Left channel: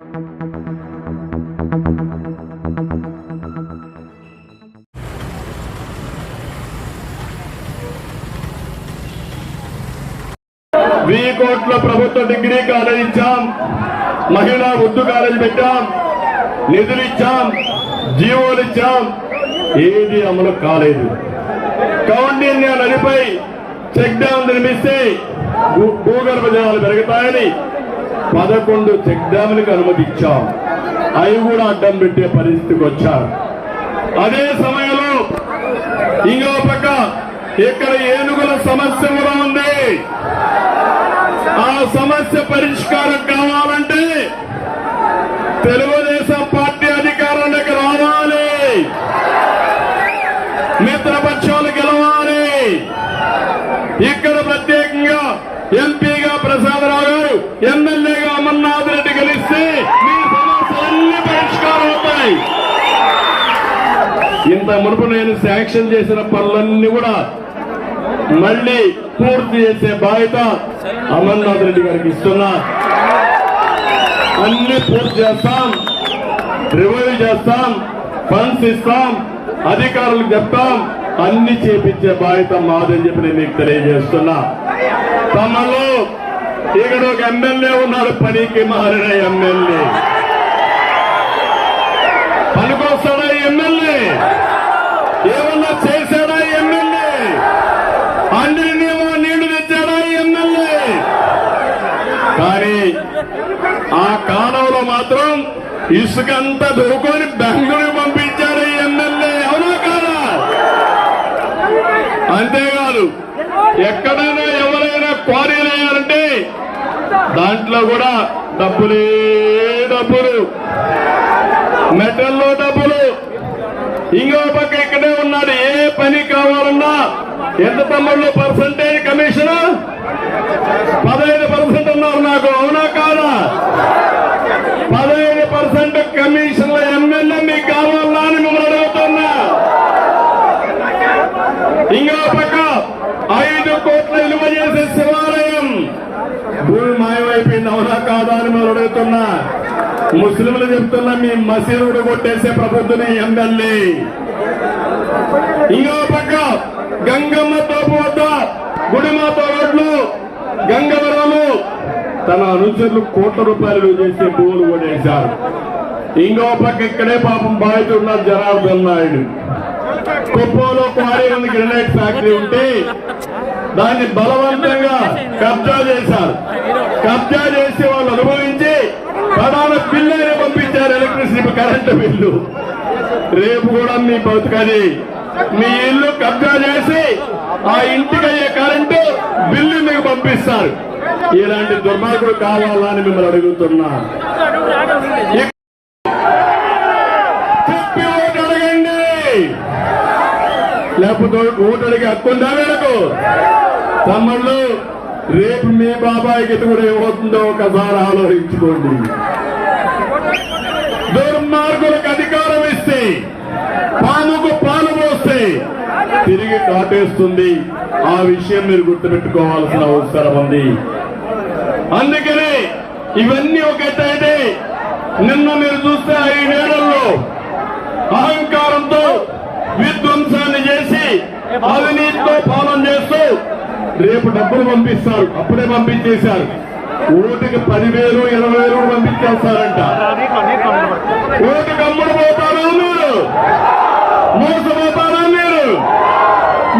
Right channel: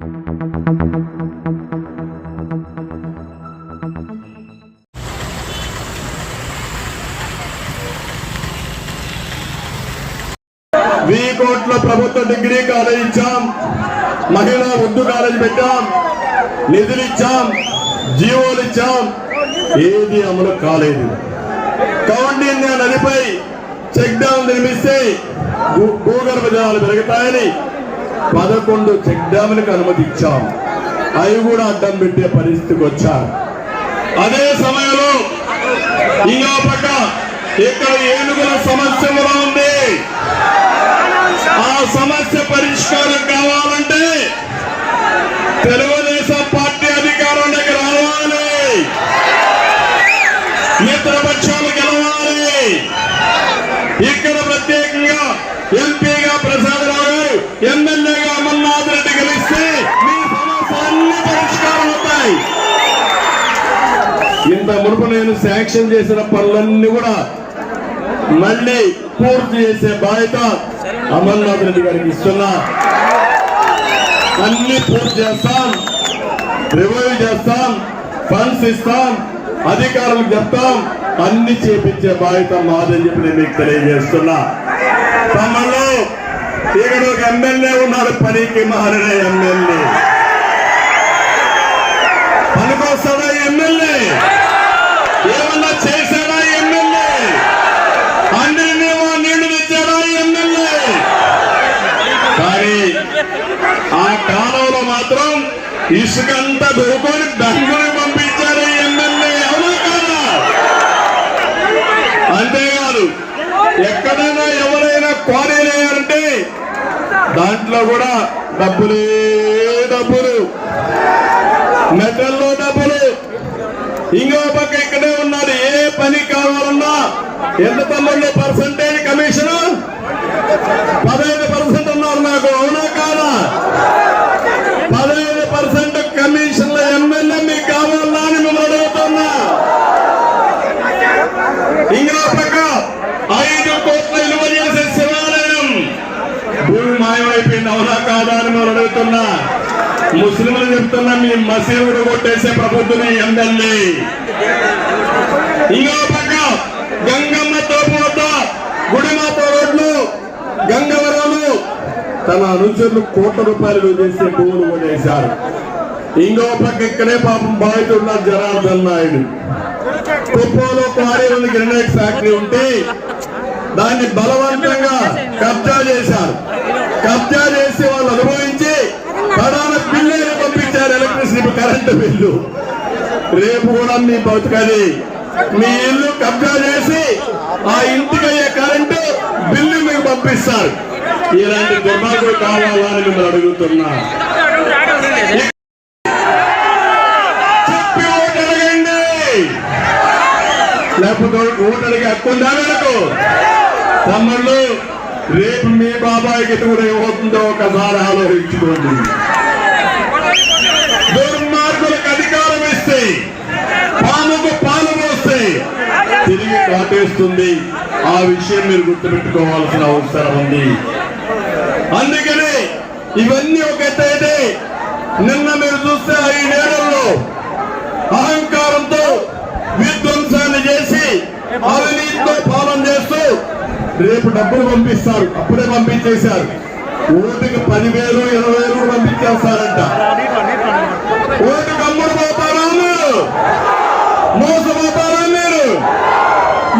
వెయ్యి కోట్ల ప్రభుత్వ డిగ్రీ కాలేజ్ ఇచ్చాం. మహిళా ఉర్దూ కాలేజ్ పెట్టాం. నిధులు ఇచ్చాం. జీవోలు ఇచ్చాం. ఏది అమలు కాలేదు. కౌండిన్య నదిపై చెక్ డ్యామ్ నిర్మిస్తే భూగర్భ జలాలు పెరుగుతాయని పదకొండు చెక్ డ్యాములకు అనుమతి ఇచ్చాం అవి కూడా అడ్డం పెట్టే పరిస్థితికి వచ్చారు. అదే సమయంలో ఇంకో పక్క ఇక్కడ ఏనుగుల సమస్య కూడా ఉంది. ఆ సమస్య పరిష్కారం కావాలంటే తెలుగుదేశం ఇంత మునుపు నేను శాంక్షన్ చేసిన పనులన్నీ కూడా మళ్ళీ పూర్తి చేసే బాధ్యత అమర్నాథ్ రెడ్డి గారికి ఇస్తున్నా. అన్ని పూర్తి చేస్తాం. రివైవ్ చేస్తాం. ఫండ్స్ ఇస్తాం. అధికారులకు చెప్తాం. అన్ని చేపించే బాధ్యత మాదని చెప్పి నేను మీకు తెలియజేస్తున్నా. తమలో ఇక్కడ ఒక ఎమ్మెల్యే ఉన్నాడు పనికి మారిన ఎమ్మెల్యే పనికొస్తాడా ఎమ్మెల్యే ఏమన్నా చేశాడా ఎమ్మెల్యే అందరినీ నీళ్ళు తెచ్చాడా ఎమ్మెల్యే కానీ ఆ కాలంలో మాత్రం ఇసుకంతా దొరుకుని బెంగళూరు పంపించారు ఎమ్మెల్యే. అవునా కాదా? అంతేకాదు ఎక్కడైనా ఎవరైనా క్వారీలు దాంట్లో కూడా డబ్బులే డబ్బులు. మెటల్లో డబ్బులు. ఇంకో పక్క ఎక్కడే ఉన్నది ఏ పని కావాలన్నా ఎంత తమ్ముళ్ళు పర్సంటేజ్ కమిషన్ పదహైదు పర్సెంట్ ఉన్నారు నాకు అవునా కాదా పదహైదు పర్సెంట్ కమిషన్ల ఎమ్మెల్యే మీకు కావాలా అని మిమ్మల్ని అడుగుతున్నా ఇంకో పక్క ఐదు కోట్ల విలువ చేసే శివాలయం భూమి మాయమైపోయింది అవునా కాదా చెప్తున్నా. ముస్లింలు చెప్తున్నా మీ మసీదుడు కొట్టేసే ప్రభుత్వం ఎమ్మెల్యే. ఇంకో పక్క గంగమ్మ తోపు వద్ద గుడిమాత రోడ్లు గంగవరము. తన అనుచరులు కోట్ల రూపాయలు చేసే భూములు కొనేశారు ఇంకో పక్క ఇక్కడే పాపం బాధితున్న జనార్దన్ నాయుడు. కుప్పంలో క్వారీ ఉంది గ్రెనైట్ ఫ్యాక్టరీ ఉంటే దాన్ని బలవంతంగా కబ్జా చేశారు. కబ్జా చేసి వాళ్ళు అనుభవించి ప్రధాన బిల్లు పంపించారు ఎలక్ట్రిసిటీ కరెంటు బిల్లు. రేపు కూడా మీ బతుకది. మీ ఇల్లు కబ్జా చేసి ఆ ఇంటికి అయ్యే కరెంటు బిల్లు మీకు పంపిస్తారు. ఇలాంటి దుర్మార్గుడు కావాలని మిమ్మల్ని అడుగుతున్నా. చెప్పి ఓటు అడగండి. లేకపోతే ఓటు అడిగే హక్కు ఉందా తమ్ముళ్ళు రేపు మీ బాబాయ్ ఎటు కూడా ఏమవుతుందో ఒకసారి ఆలోచించుకోండి. దుర్మార్గులకు అధికారం ఇస్తే పాముకు పాలు పోస్తే తిరిగి కాటేస్తుంది. ఆ విషయం మీరు గుర్తుపెట్టుకోవాల్సిన అవసరం ఉంది. అందుకనే ఇవన్నీ ఒక ఎత్తు నిన్న మీరు చూస్తే ఐదేళ్ళలో అహంకారంతో విధ్వంసాన్ని చేసి అవినీతితో పాలన చేస్తూ రేపు డబ్బులు పంపిస్తారు. అప్పుడే పంపించేశారు. ఓటుకి పదివేలు ఇరవై వేలు కూడా పంపించేస్తారంట. ఓటుకి అమ్ముడు పోతారా మీరు? మోసపోతారా మీరు?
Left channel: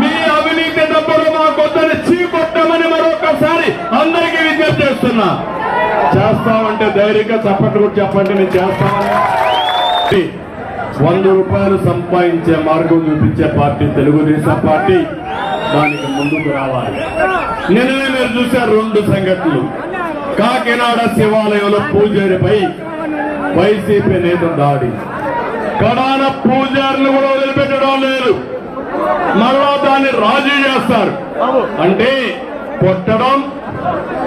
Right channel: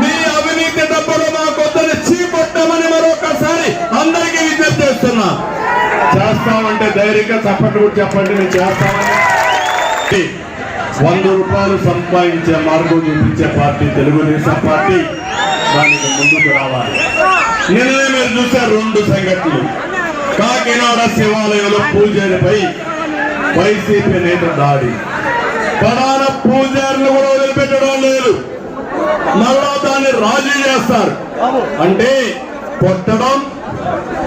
మీ అవినీతి డబ్బులు మా కొత్తని చీపొట్టమని మరొకసారి అందరికీ విజ్ఞప్తి చేస్తున్నా. చేస్తామంటే ధైర్యంగా చెప్పండి కూడా చెప్పండి నేను చేస్తామని వంద రూపాయలు సంపాదించే మార్గం చూపించే పార్టీ తెలుగుదేశం పార్టీ. దానికి ముందుకు రావాలి. నిన్ననే మీరు చూసే రెండు సంఘటనలు కాకినాడ శివాలయంలో పూజారిపై వైసీపీ నేత దాడి. ప్రధాన పూజారులు కూడా వదిలిపెట్టడం లేదు. మళ్ళా దాన్ని రాజీ చేస్తారు. అంటే కొట్టడం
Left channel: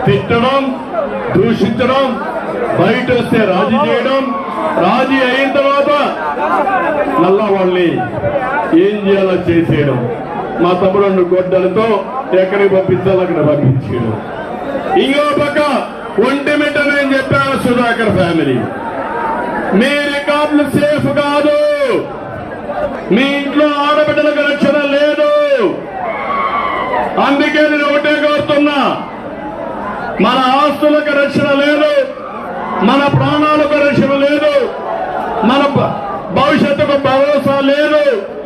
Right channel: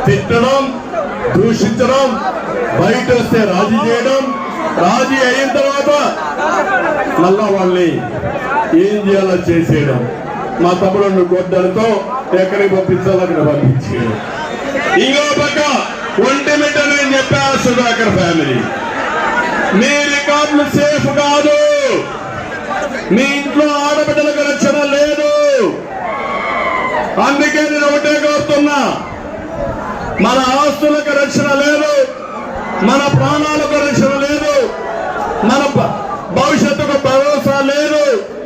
తిట్టడం దూషించడం బయట వస్తే రాజీ చేయడం రాజీ అయిన తర్వాత మళ్ళా వాళ్ళని ఏం చేయాలో చేసేయడం. మా తమ్ముడు గొడ్డలతో ఎక్కడికి పంపించాలో అక్కడ పంపించేయడం ఇంకో పక్క ఒంటిమిట నేను చెప్పా సుధాకర్ ఫ్యామిలీ. మీ రికార్డులు సేఫ్ కాదు. మీ ఇంట్లో ఆడబిడ్డలకు రక్షణ లేదు. అందుకే నేను ఒకటే కోరుతున్నా. మన ఆస్తులకు రక్షణ లేదు. మన ప్రాణాలకు రక్షణ లేదు. మన భ- భవిష్యత్తుకు భరోసా లేదు.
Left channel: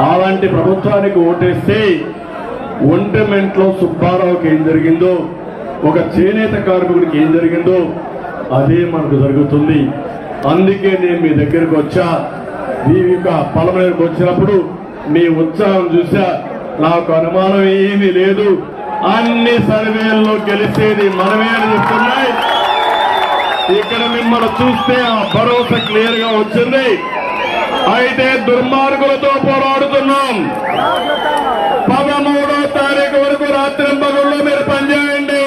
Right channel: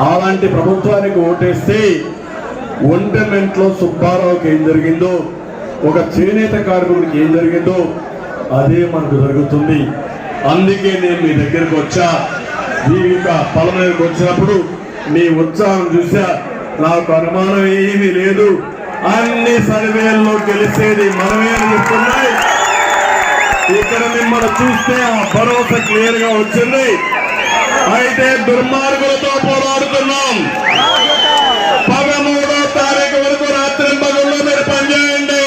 అలాంటి ప్రభుత్వానికి ఓటేస్తే ఒంటమెంట్లో సుబ్బారావుకి ఏం జరిగిందో ఒక చేనేత కార్మికుడికి ఏం జరిగిందో అదే మనకు జరుగుతుంది. అందుకే నేను మీ దగ్గరకు వచ్చా. మీ యొక్క పొలమేరకు వచ్చినప్పుడు మీ ఉత్సాహం చూసా. నాకు అనుమానం ఏమీ లేదు. అన్ని సర్వేల్లో గెలిచేది మనమే చెప్తున్నాయి. ఇక్కడ మిమ్మల్ని చూస్తే ఆ భరోసా క్లియర్గా వచ్చింది. అయితే దుర్మార్గులతో పోరాడుతున్నాం. పదమూడో తారీఖు వరకు రాత్రి పగల్లో మీరు పనిచేయండి.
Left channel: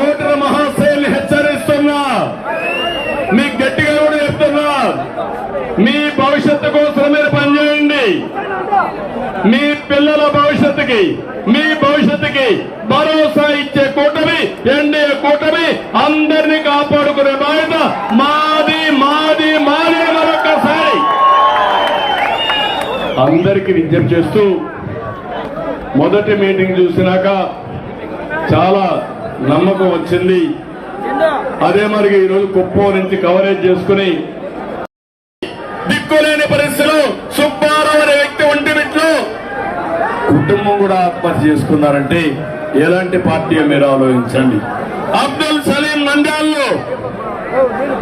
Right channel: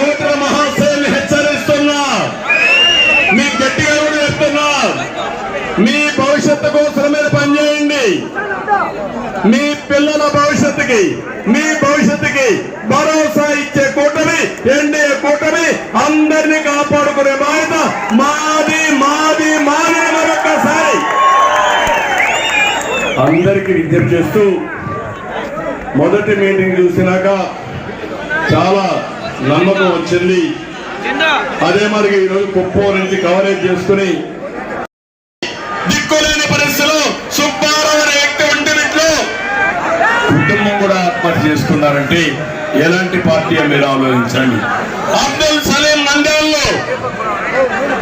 ఓటర్ మహాశైలి హెచ్చరిస్తున్నా. మీ గట్టిగా కూడా చెప్తున్నా. మీ భవిష్యత్తు కోసం మీరు పనిచేయండి. మీ పిల్లల భవిష్యత్తుకి మీ భవిష్యత్తుకి భరోసా ఇచ్చే కూటమి ఎన్డీఏ కూటమి అందరినీ కాపాడుకునే బాధ్యత మాది మాది అని మరొక్కసారి అందరికీ విజ్ఞప్తి చేస్తూ మొదటి మీటింగ్ చూసినాక చాలా నమ్మకం వచ్చింది. అదే మరి ఈరోజు కుప్పం నుంచి కవరేజ్ చేసుకుని దిక్కులేని పరిస్థితుల్లో సుబ్బారావు అనే వ్యక్తి కుటుంబం కూడా ఆత్మహత్య చేసుకున్నారంటే ఎలాంటి పార్టీ అని మీరు ఆలోచించండి. అబ్దుల్ సలీం మండ్యాల్లో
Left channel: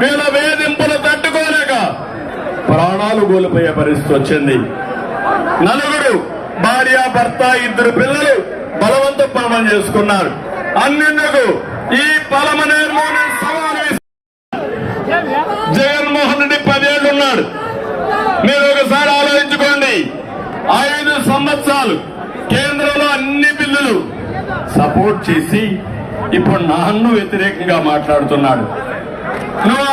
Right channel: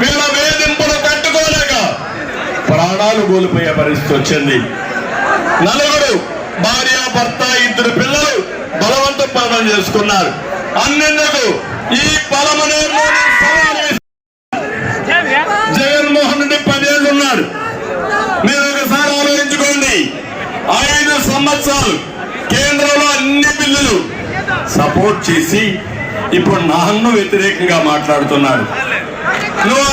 వీళ్ళ వేధింపులు తట్టుకోలేక ప్రాణాలు కోల్పోయే పరిస్థితి వచ్చింది. నలుగురు భార్య భర్త ఇద్దరు పిల్లలు బలవంత పాలన చేసుకున్నారు. అన్నెందుకు? ఈ పలమనేరులోని జగన్మోహన్ రెడ్డి పదేళ్ళు ఉన్నాడు. మీరు ఒకసారి ఆలోచించుకోండి. ఐదు సంవత్సరాలు కేంద్రంలో అన్ని బిల్లులు సపోర్ట్ చేసి ఇప్పుడు నాన్ను వ్యతిరేకంగా మాట్లాడుతున్నాడు. నువ్వు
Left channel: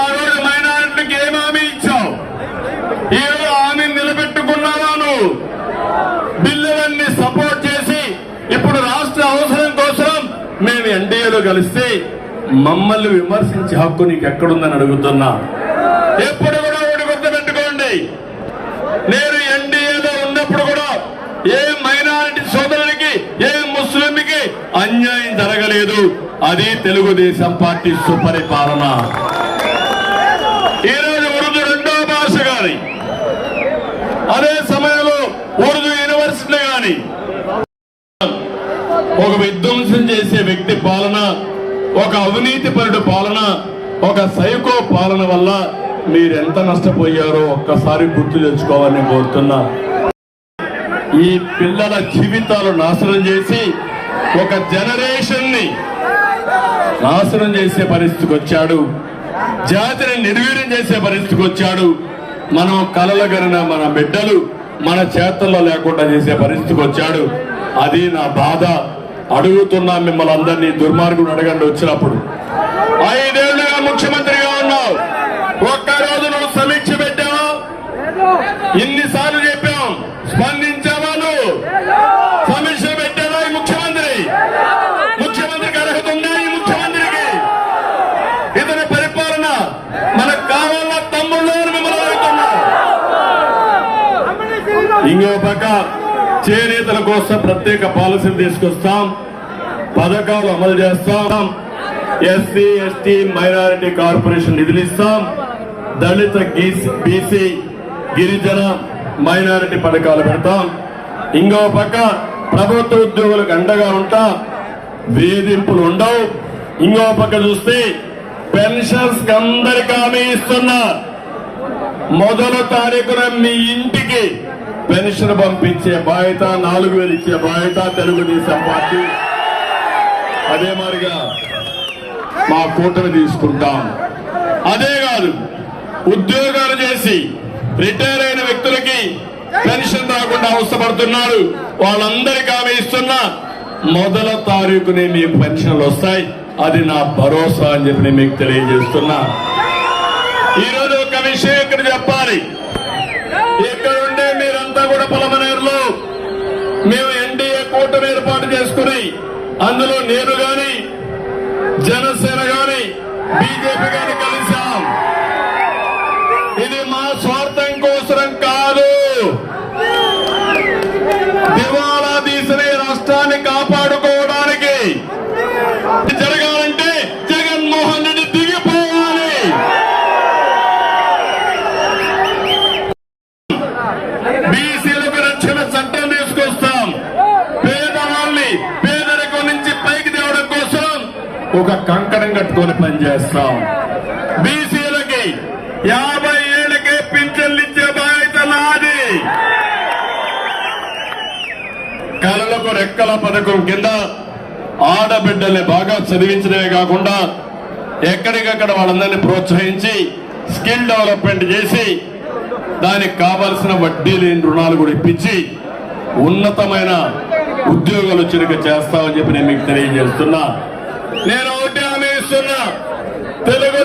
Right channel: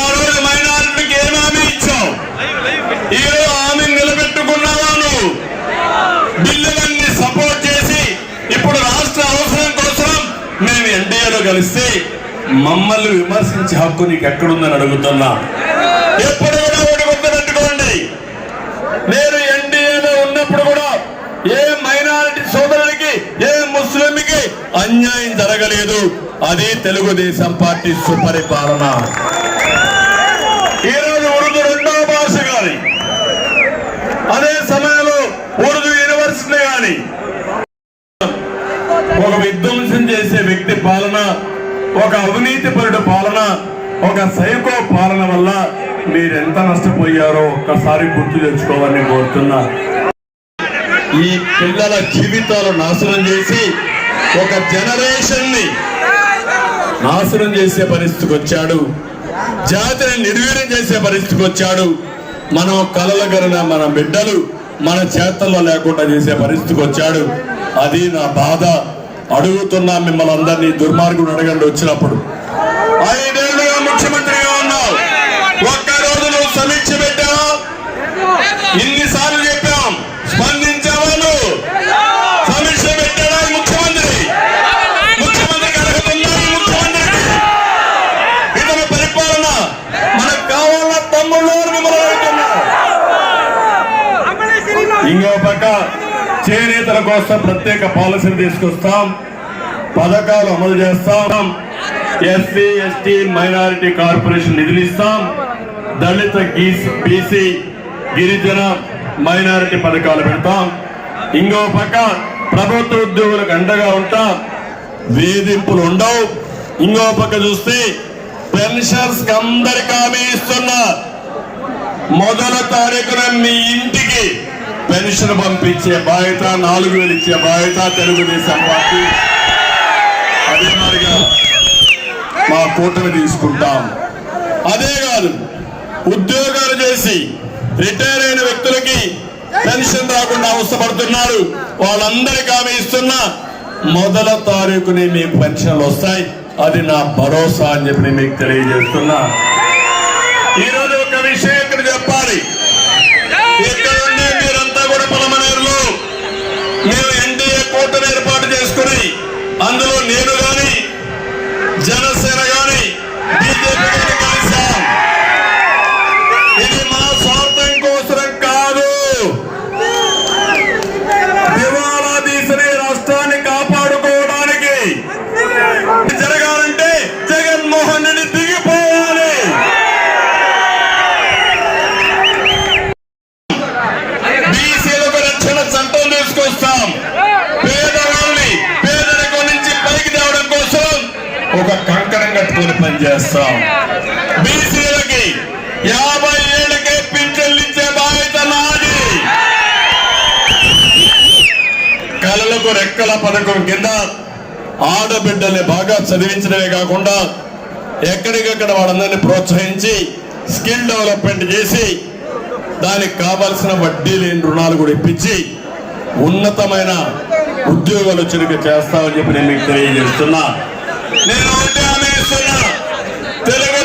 మేము ఎన్డీఏలో కలిస్తే మమ్మల్ని విమర్శించే హక్కు నీకు ఎక్కడుందని అడుగుతున్నా. ఎప్పుడు కూడా ఒకటి గుర్తుపెట్టుకోండి నేను ఎన్డీఏలో ఉన్నప్పుడు కూడా ఏ మైనారిటీ సోదరుడికి ఏ ముస్లింకి అన్యాయం జరగలేదు. అదే తెలుగుదేశం పార్టీ సుపరిపాలన. ఒక అవినీతి పరుడు పాలన ఒక సైకో పాలన వల్ల మీరు ఎంత నష్టపోయారో ఒక్కసారి గుర్తు తెచ్చుకోవాలని కోరుతున్నా. ఈ పిల్లల జీవితాలు నాశనం చేసి ఒక జనరేషన్ని నాశనం చేసే పరిస్థితికి వచ్చాడు. జాతిని నిర్వీర్యం చేసే పరిస్థితికి వచ్చాడు. మనం కలలగరిన మన బిడ్డలు మన చేతుల్లో లేకుండా చేసే పరిస్థితికి వచ్చాడు. అది నా బాధ. అడుగుతున్నా మిమ్మల్ని అందరినీ దుర్మార్గుడు అడగండి వచ్చినప్పుడు. ఐదేళ్ళుగా ముఖ్యమంత్రిగా ఉన్నావు. ఒక్కరోజు నువ్వు సమీక్ష పెట్టావు? ఇన్నిసార్లు చెప్పాం. స్పందించావా నువ్వు? సమీక్ష పెట్టావా ముఖ్యమంత్రి? ముఖ్యమంత్రికి అర్హతుందా ముఖ్యమంత్రికి. ఇతని పరిపాలన మనకు కావాల తమ్ముళ్ళు మిమ్మల్ని ఇంకో చేనేతల కోసం ప్రత్యేక పాలసీలు తీసుకొస్తాం. పథకాలు అమలు చేస్తాం. ఎస్సీ ఎస్టీ మైనారిటీ కార్పొరేషన్ నిధులు ఇస్తాం. దళిత బీసీ గిరిజన మైనారిటీ పథకాలు పెడతాం. ఇంకో పక్క ప్రభుత్వ ఉద్యోగులకు అండగా ఉంటాం. వేధింపులు ఉండవు. ఇంకో పక్క చూస్తే పెన్షన్స్ అందరికి హామీ ఇస్తున్నా మొదల తారీఖున మీ ఇంటికి పెన్షన్ పంపించే బాధ్యత నాలుగు వేలు ఇచ్చే బాధ్యత తెలుగుదేశం పార్టీ. అదే మాదిరిగా మా కూటమి తీసుకుంటాం. అదే కాదు ఉద్యోగాలు చేసి రిటైర్ అయిన వ్యక్తులకి పెన్షన్ రాకుండా అవసరపడుతున్నారు వాళ్ళందరికీ ఆమె ఇస్తున్న మొదల తారీఖునే మీ పెన్షన్లు వస్తాయి. అది నా భరోసా అని చెప్పి మీకు తెలియజేస్తున్నా. trancar. ఆడబిడ్డల్ని బాగా చదివించడమే కాకుండా ఎక్కడికక్కడ వాళ్ళందరినీ ప్రోత్సహించి స్కిల్ డెవలప్మెంట్ చేసి దానికి కావలసిన వడ్డీ లేని రుణాలు కూడా ఇప్పించి ఉన్నతమైన ఉద్యోగాలు చురుకు చేస్తామని చెప్పి నేను మీకు తెలియజేస్తున్నా. నేను తెలుగు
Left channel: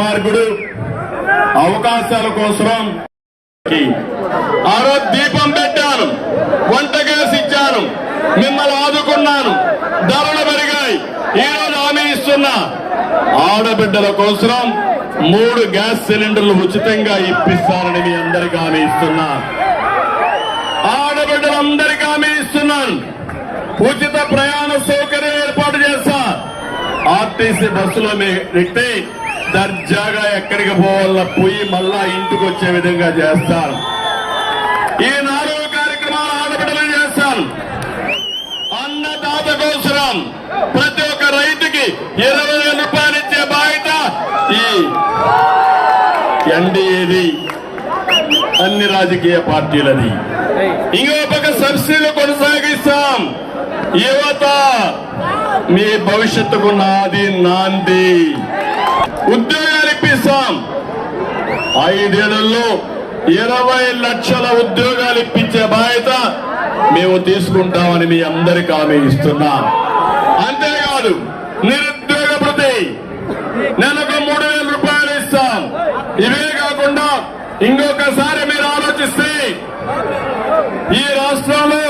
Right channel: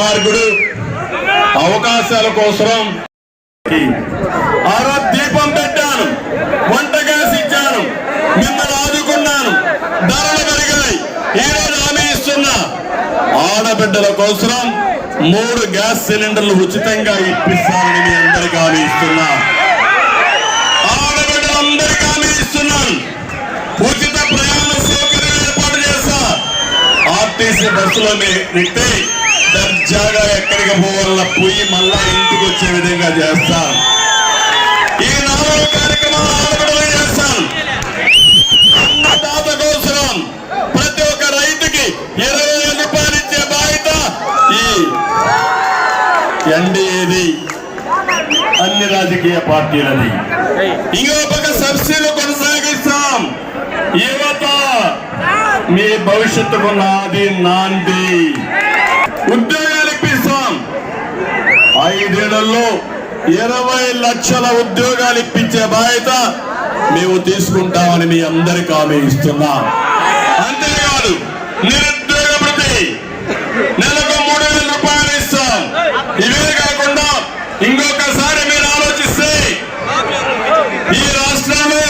దుర్మార్గుడు అవకాశాల కోసం ఆ రోజు దీపం పెట్టాను. వంట గ్యాస్ ఇచ్చాను. మిమ్మల్ని ఆదుకున్నాను. ధరలు పెరిగాయి. ఈ రోజు హామీ ఇస్తున్నా. ఆడబిడ్డల కోసం మూడు గ్యాస్ సిలిండర్లు ఉచితంగా ఇప్పిస్తానని మీ అందరికీ హామీ ఇస్తున్నా. ఆడబిడ్డలందరికీ హామీ ఇస్తున్నాను. ఉచిత ప్రయాణ సౌకర్యం ఏర్పాటు చేస్తా. ఆర్టీసీ బస్సులో ఎక్కితే దర్జాగా ఎక్కడికి పోవాల పోయి మళ్ళా ఇంటికి వచ్చే విధంగా చేస్తాం. ఈ నాలుగు కార్యక్రమాలు ఆడబిడ్డలు చేస్తాం. అన్నదాత కోసం ప్రతి ఒక్క రైతుకి ఇరవై వేల రూపాయలు ఇచ్చే బాధ్యత ఈ ఎన్డీఏది అన్ని రాజకీయ పార్టీలది. ఇంకో పక్క సబ్సిడీలు కొనసాగిస్తాం. యువత మీ భవిష్యత్తుకు నాది నాంది. ఉద్యోగాలు ఇప్పిస్తాం ఐదేళ్ళలో ఇరవై లక్షల ఉద్యోగాలు ఇప్పించే బాధ్యత మేము తీసుకుంటామని మీ అందరికి హామీ ఇస్తున్నాం. అంతేకాదు నిరుద్యోగ ప్రతి నెలకు మూడు వేల రూపాయలు ఇస్తాం. ఇవే కాకుండా ఇంకొకసారి మీరు ఆలోచిస్తే ఈ రాష్ట్రంలో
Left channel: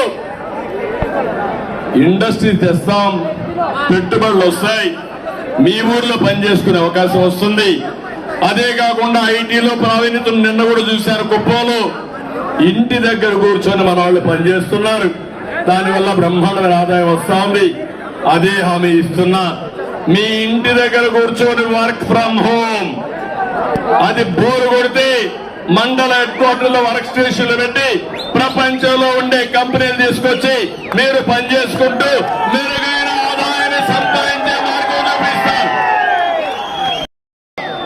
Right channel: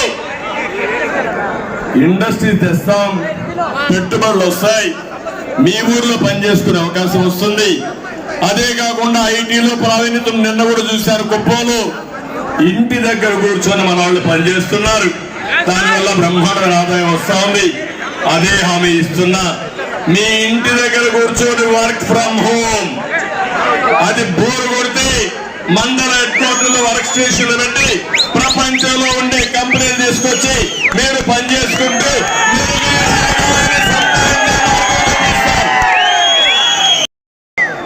ఇండస్ట్రీ తెస్తాం పెట్టుబడులు వస్తాయి. మీ ఊర్లో పనిచేసుకునే అవకాశం వస్తుంది. అదే కాకుండా ఐటీలో ప్రావీణ్యతను నిన్న కూడా చూశారు కుప్పంలో. ఇంటి దగ్గర కూర్చొని మన వాళ్ళు పనిచేస్తున్నారు. దానివల్ల బ్రహ్మాండమైన ఆదాయం వస్తుంది. అదే హామీ ఇస్తున్నా. మీ ఇంటి దగ్గర కూర్చొని వర్క్ ఫ్రమ్ హోమ్. అది బోరు కొడితే మండల హెడ్ వర్క్ స్టేషన్లు పెట్టి ప్రపంచంలో ఉండే కంపెనీలు తీసుకొచ్చి మీరు పనిచేసుకుంటూ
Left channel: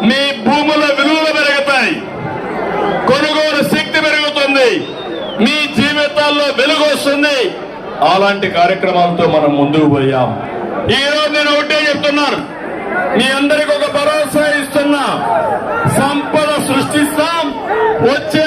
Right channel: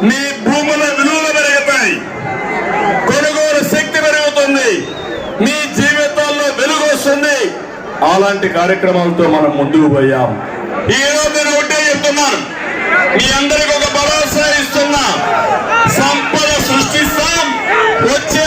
మీ భూముల విలువలు పెరుగుతాయి. కొనుగోలు శక్తి పెరుగుతుంది. మీ జీవితాల్లో వెలుగు వస్తుంది. అలాంటి కార్యక్రమాలతో మనం ముందుకు పోయాం. ఈ రోజు నేను ఒకటే చెప్తున్నాను. మీ అందరికి ఒక భరోసా ఇస్తున్నా. సంపద సృష్టిస్తాం. వచ్చే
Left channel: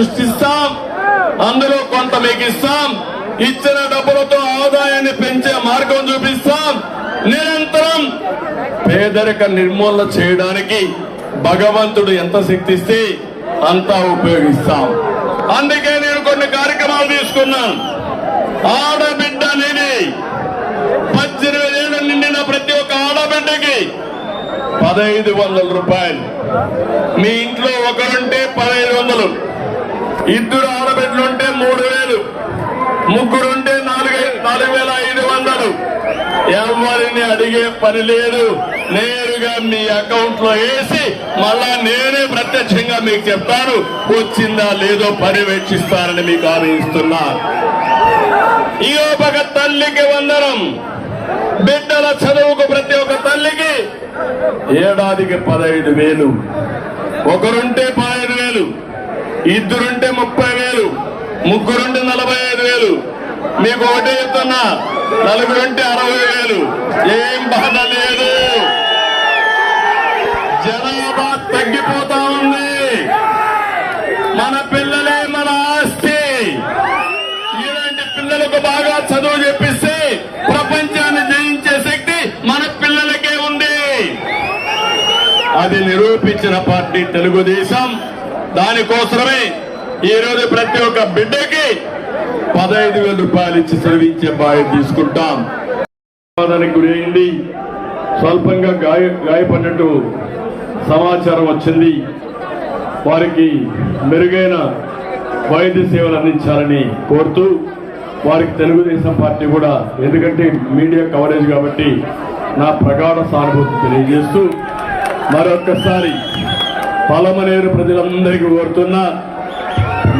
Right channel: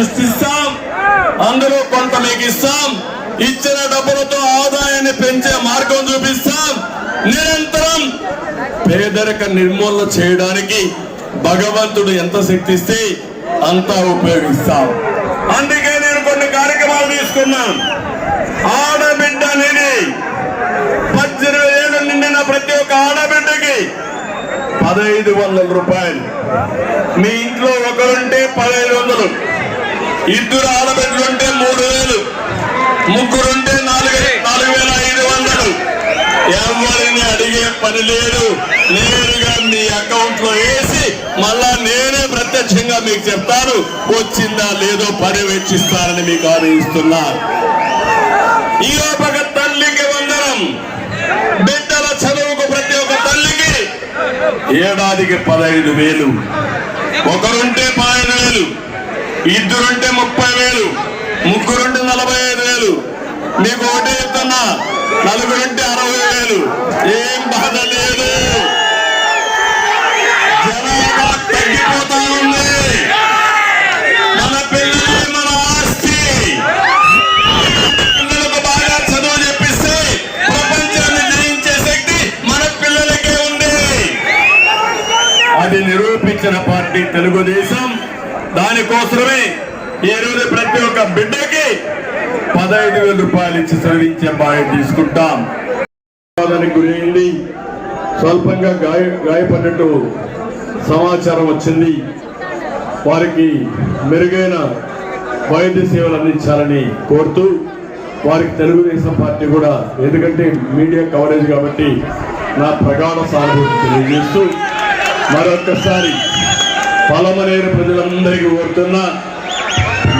సృష్టిస్తాం. అందులో కొంత మీకు ఇస్తాం ఇచ్చిన డబ్బులతో ఆదాయాన్ని పెంచే మార్గం చూపిస్తాం. నిరంతరం పేదరిక నిర్మూలన చేయడానికి భగవంతుడు ఎంత శక్తి ఇస్తే అంతా ఉపయోగిస్తాం. అందుకే నేను కొన్ని కార్యక్రమాలు తీసుకున్నాను. ఆడబిడ్డ అనేది పద్దెనిమిది ఏళ్ళు నిండిన ప్రతి ఒక్క ఆడబిడ్డకి పదహైదు వందల రూపాయలు. మీ ఇంట్లో ఒకరుంటే పదహైదు వందలు. ఇద్దరు ఆడబిడ్డలుంటే మూడు వేలు. ముగ్గురుంటే నాలుగు నాలుగు వేల ఐదు వందలు. ఎవరిని అడిగే పని లేదు. నేరుగా మీ అకౌంట్లో వేసి మళ్ళా నేనే ప్రత్యక్షంగా మీకు చెప్తాను. వచ్చిందా లేదో పర్యవేక్షిస్తారని మీకు హామీ ఇస్తున్నా ఈ ఒక తల్లికి వందనం. బిడ్డల చదువుకు ప్రతి ఒక్క తల్లికి ఏడాదికి పదహైదు వేలు. ఒకరుంటే పదహైదు వేలు. ఇద్దరుంటే ముప్పై వేలు ముగ్గురుంటే నలభై ఐదు వేలు నీకు ఒకటే చెప్తున్నా నలుగురుంటే అరవై వేలు. ఏం బాధ లేదు. జనాభా తగ్గిపోతా ఉంది. మన పిల్లలు మన ఆస్తి. పిల్లలకు బాగా చదువు చెప్పిస్తే ప్రపంచాన్ని జయించే శక్తి మన పిల్లలకే ఉంది. అది నిరూపించిన పార్టీ తెలుగుదేశం. దానికోసమే ఈ రోజు ప్రతి ఒక్క బిడ్డకి పదహైదు వేల రూపాయలు ఇచ్చి చదివించే బాధ్యత తీసుకుంటాం. ప్రమాదానికి గురైంది. స్వల్పంగా గాయ గాయపడినట్టు సమాచారం వచ్చింది. వారికి మెరుగైన వైద్య సేవలు అందించాలని కోరుతూ వారికి తెలుగుదేశం పార్టీ కూడా ఎందుకంటే మీడియా కవరేజ్ కాబట్టి నా ప్రగాఢ సానుభూతి తెలియజేస్తూ మరొక్కసారి పలమనేరు ప్రజలందరికీ కోరుతున్నా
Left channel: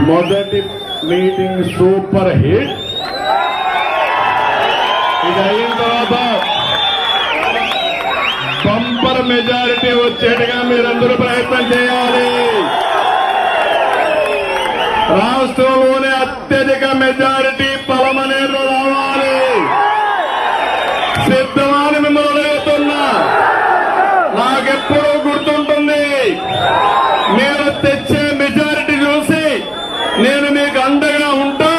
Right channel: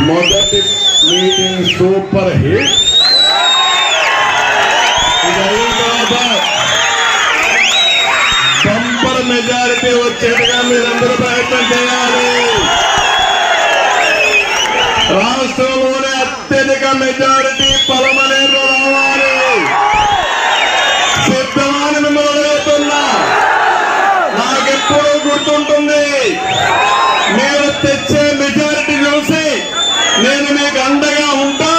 మొదటి మీటింగ్ సూపర్ హిట్ ఇది అయిన తర్వాత బంపర్ మెజారిటీ వచ్చేట్టుగా మీరందరూ ప్రయత్నం చేయాలి. రాష్ట్రంలోనే అత్యధిక మెజారిటీ పలమనేరు రావాలి. సిద్ధమాని మిమ్మల్ని అడుగుతున్నా. నాకెప్పుడూ తెచ్చే మెజారిటీ చూసి నేను మీకు అండగా ఉంటా.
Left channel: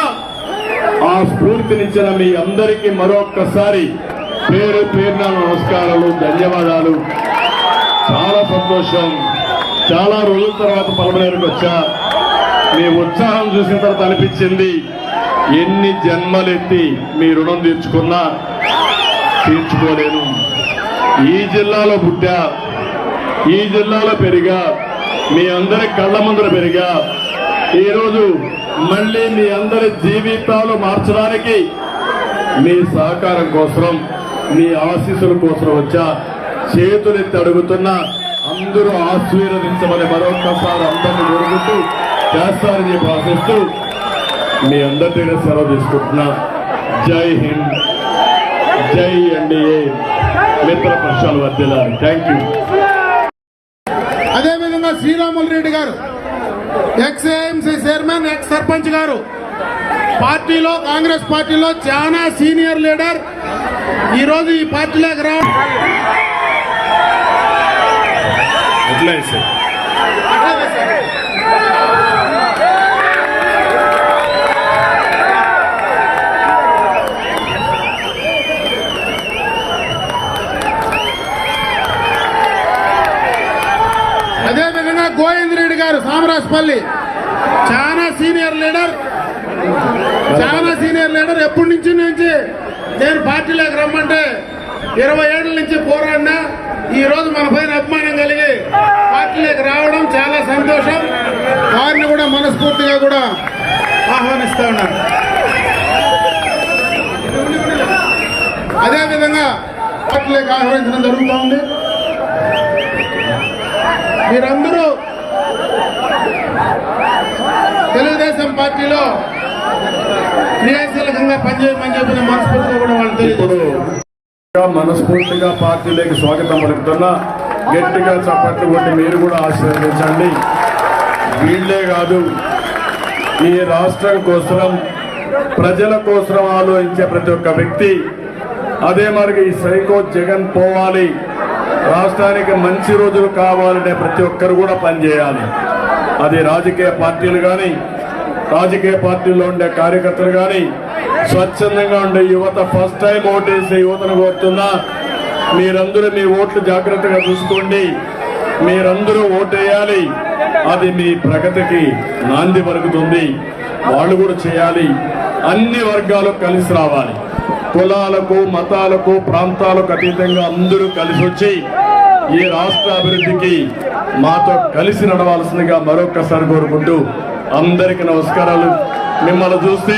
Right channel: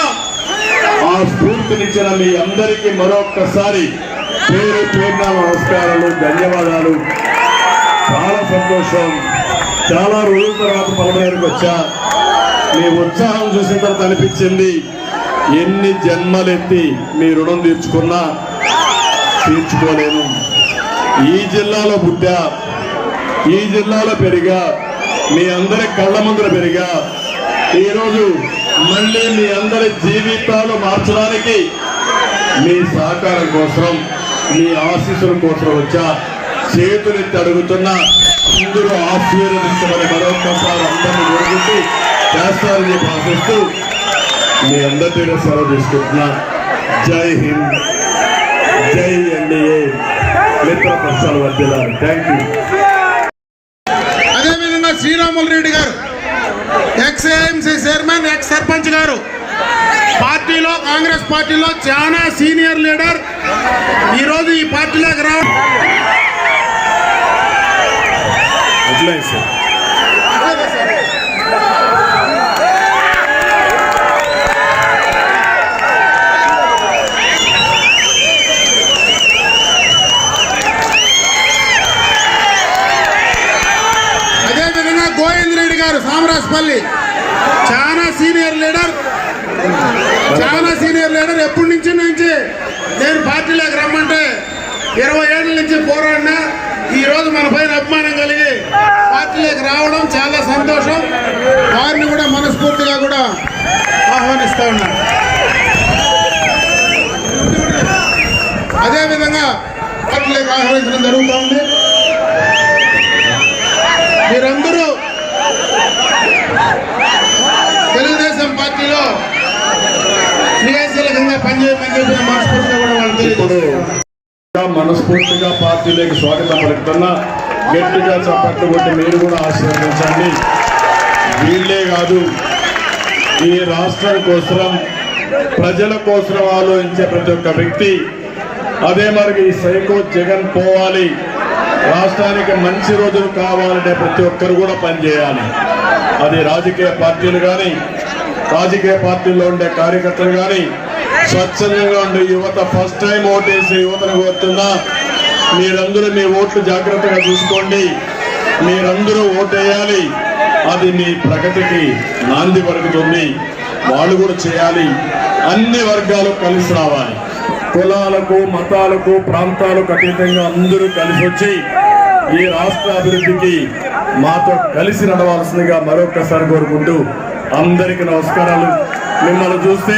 ఆ స్ఫూర్తినిచ్చిన మీ అందరికీ మరొక్కసారి పేరు పేరున నమస్కారాలు ధన్యవాదాలు. చాలా సంతోషం. చాలా రోజుల తర్వాత పలమనేరుకు వచ్చా. మీ ఉత్సాహం చూసిన తర్వాత అనిపించింది ఎన్ని జన్మలెత్తి మీ రుణం తీర్చుకున్నా? తీర్చుకోలేము. ఈ జిల్లాలో పుట్టా ఈ జిల్లాలో పెరిగా మీ అందరి కళ్ళ ముందర పెరిగా. ఈరోజు మళ్ళీ మీ అందరి జీవితాలు మార్చడానికి మీ సహకారం కోసం మీ ఆశీస్సుల కోసం వచ్చా. చేతులెత్తి అడుగుతున్నా అందరూ ఆశీర్వదించమని మరొకసారి అందరిని కోరుకుంటూ చేస్తారని భావిస్తూ మీ అందరితో సెలవు తీసుకుంటున్నా జై హింద్. జై ఎన్డీఏ మిత్ర పక్షాల వర్దిలారు thank you Sriramulu Reddy garu. Ex AMC chairman ex sarpanch garu. పార్టీలో కాంగ్రెస్ పార్టీలో చాలా సీనియర్ లీడర్. ఈరోజు ఈ పార్టీలోకి రావడం అట్లే సార్ అదేవిధంగా గోవింద్ రెడ్డి గారు సామరాజపల్లి చాలా సీనియర్ లీడర్ చాలా సీనియర్ లీడర్ ఎప్పటి నుంచి నుంచి నేను పార్టీలోకి రమ్మంటే ఇరవై ఏళ్ళ నుంచి పోరాడినా ఈ రోజు మన పైన అభిమానం కలిగి పార్టీలోకి రావడం చాలా సంతోషం వారిని కూడా మనస్ఫూర్తిగా కూడా ఆహ్వానిస్తా ఉన్నాను అదేవిధంగా ఆహ్వానించడం జరుగుతోంది మీరందరూ తెలుగుదేశం పార్టీలో క్రియాశీలకంగా పనిచేయమని చెప్పి నేను మనస్ఫూర్తిగా కూడా వాళ్ళు ఇప్పుడు తెలియజేస్తున్నాను. మనస్ఫూర్తిగా పార్టీలోకి స్వాగతం పలుకుతున్నా గట్టిగా చప్పట్లు కొట్టి మీరు కూడా ఆశీర్వదించండి వీళ్ళే కాదు ఈ రాష్ట్రం కోసం ప్రజల కోసం ఆలోచించే ప్రతి ఒక్క వ్యక్తి అదే మరి ఈ సైకో జగన్ పోవాలి రాష్ట్రానికి మంచి రోజులు కావాలంటే ప్రతి ఒక్కరు కూడా పనిచేయాలి. అది రాజకీయ పార్టీలు కానీ రాజకీయ పార్టీల్లో ఉండే కార్యకర్తలు కానీ స్వచ్ఛందంగా ఉండే యువత ఫస్ట్ టైం ఓటేసే యువతను కోరుతున్నా మీరందరూ మీ ఓట్లు జాగ్రత్తగా చూసుకోండి మీరందరూ ఓటేయాలి. అది మీ ప్రగతికి నాంది పలుకుతుంది వాళ్ళు కూడా చేయాలి. అన్ని వర్గాలు కలిసి రావాలి. కులాలకు మతాలకు ప్రాంతాలకు అతీతంగా అందరూ కలిసి వచ్చి ఈ రాష్ట్ర అభివృద్ధికి మాతో కలిసి నడవాల్సిందిగా మరొకసారి కోరుకుంటూ అందరికీ నమస్కారాలు. మిమ్మల్ని చూస్తే